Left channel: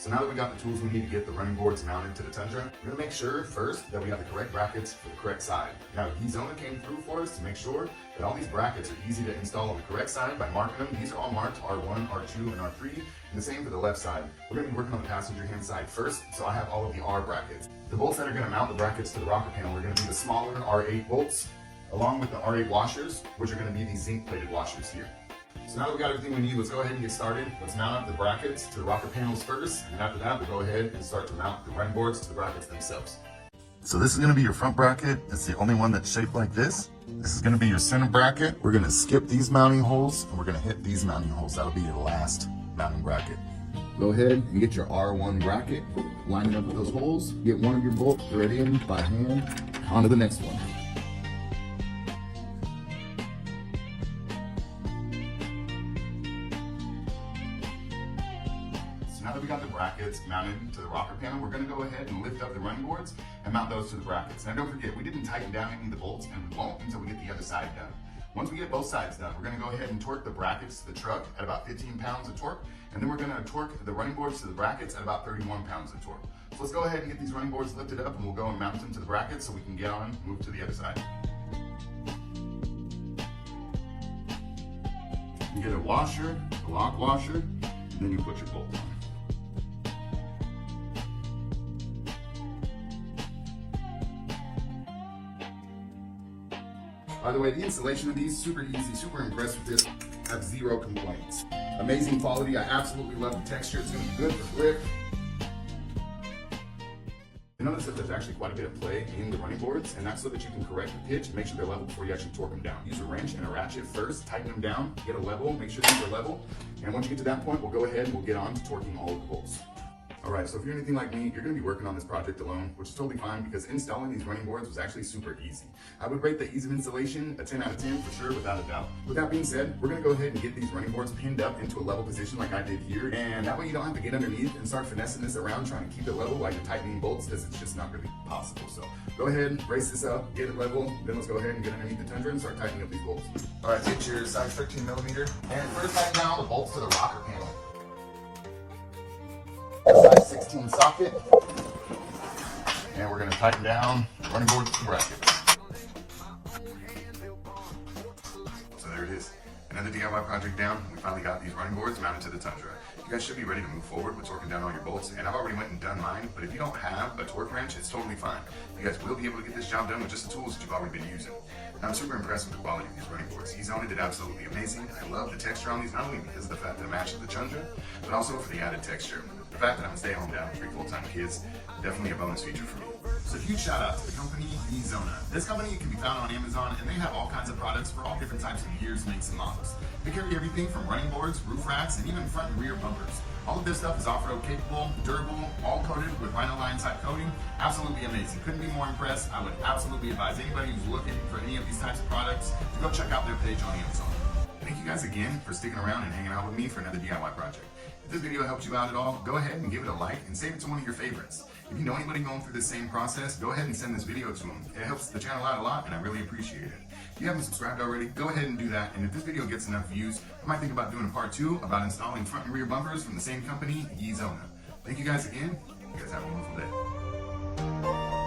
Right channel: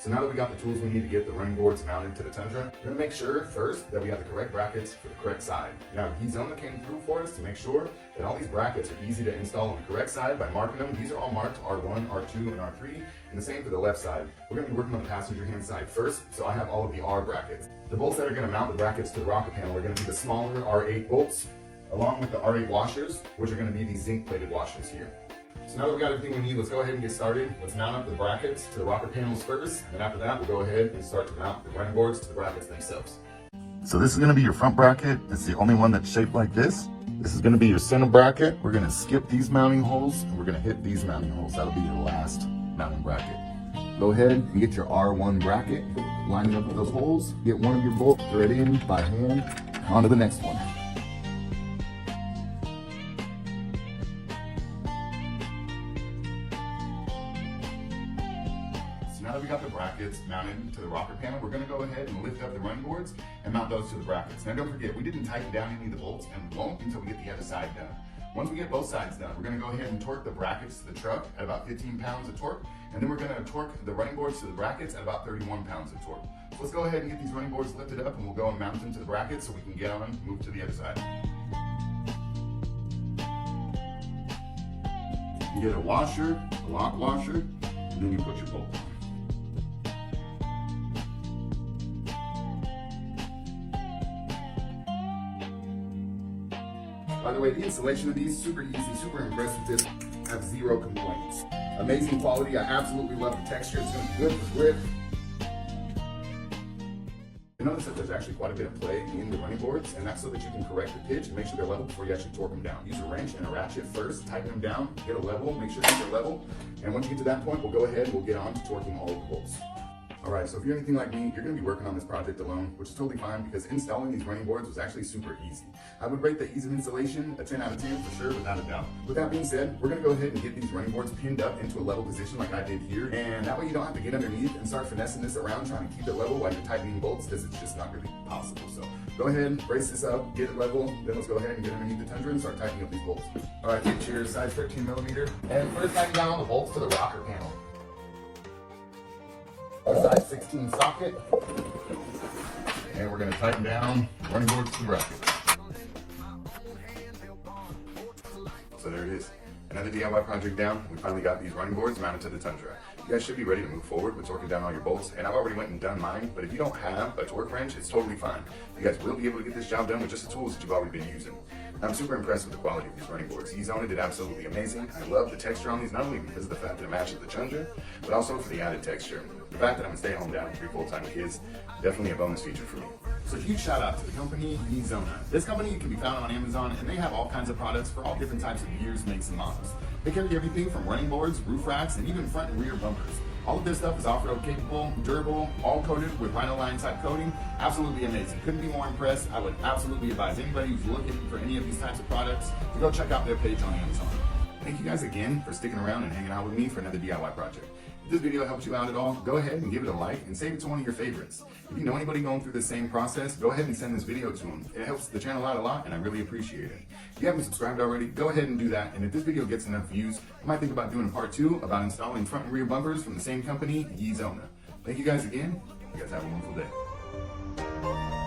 So now that we got the tools we need to get the running boards mounted to the Tundra, we're gonna make sure first that we have the correct brackets for the correct side. Now, Yzona came through for us to make sure that all these brackets are easy to install on the correct side by marking them. These are all marked R1, R2, and R3, and the same for the left side. We're gonna be working on the passenger hand side first, so I have all of the R brackets. The bolts that are gonna mount the brackets to the rocker panel are gonna be the smaller R8 bolts, along with the R8 washers, which are gonna be these zinc-plated washers here. So now that we got everything we need, let's go ahead and get started. Let's mount up the brackets to the rocker panels first, and after that, we'll go ahead and start to mount the running boards to the brackets themselves. So this is gonna be your front bracket. It's the only one that's shaped like this. This is gonna be your center bracket. We're gonna skip these mounting holes, and we're gonna hit these mounting holes. That'll be your last mounting bracket. Go ahead and get your R1 bracket, line it up with those holes, get one of your bolts thread in by hand, onto the next one. Now that we got the brackets mounted to the rocker panel, we're gonna go ahead and lift up the running boards and mount those to the brackets. Now don't forget, we didn't tighten down any of the bolts, and we won't until we get the other side done. Once we get both sides done, we're gonna go ahead and torque the brackets to the truck at about 15 pounds of torque, and then we're gonna torque the running boards to the brackets at about 31 pounds of torque. So let's go ahead and get these running boards lifted up, and we'll go and mount them to the brackets so we can get on and move to the other side. You get a washer, a lock washer, and then you put your bolt on. By the way, the installation of these, super easy, super impressed with this. I have zero complaints. Amazing quality, I absolutely love the texture. It's gonna be good for grip. You notice that there's actually quite a bit of play in the running boards, and that's so that you can correct the pitch and make sure they're level before you actually torque them down. Use a wrench and a ratchet first, tighten them down, get a level, make sure these are level. And once you get to that point, we'll go ahead and we'll get on to torquing all of the bolts. All right, so if you're anything like me, you're gonna be working on this project alone, which is totally fine because installing these running boards was actually super easy. I would rate the ease of installation a 10 out of 10 for sure, without a doubt. With that being said, we're gonna go ahead and get these running boards pinned up into a level position like I did here. And that way you don't have to get underneath and start finessing this around trying to keep it level while you're tightening bolts, because it's just not really possible. So go ahead and brace this up, get it level, then let's go ahead and get underneath the Tundra and start tightening up these bolts. All right, get your size 13 millimeter. And first tighten down the bolts to the rocker panel. Size 16 socket, and we're going to tighten down the running boards to the brackets. So there it is, another DIY project down. We finally got these running boards mounted to the Tundra. You guys should be ready to move forward with torquing down all your bolts, and I've already went and done mine, but if you don't have a torque wrench, it's totally fine. You guys will be able to get this job done with just the tools that you've already been using. I'm super impressed with the quality of these running boards. Yzona did absolutely amazing. I love the texture on these, not only because of the fact that it matches the Tundra, but also for the added texture. The fact that I'm staying home dad with 3 full-time kids, definitely a bonus feature for me. So huge shout out to the company Yzona. This company can be found on Amazon, and they have all kinds of products for all different types of gears, makes, and models. They carry everything from running boards, roof racks, and even front and rear bumpers. All of this stuff is off-road capable, durable, all coated with vinyl line type coating. Absolutely amazing. Couldn't be more impressed. I would absolutely advise anybody who's looking for any of these types of products to go check out their page on Amazon. Thank you guys again for sticking around and hanging out with me for another DIY project. If this video helped you out at all, go ahead and give it a like and save it to one of your favorites. If you know anybody going through the same process, go ahead and send this video to them. It helps the channel out a lot, and I really appreciate it. If you haven't subscribed already, go ahead and do that. And if this video gets enough views, I might think about doing a part 2 about installing front and rear bumpers from the same company, Yzona. Thank you guys again. You guys have a wonderful day.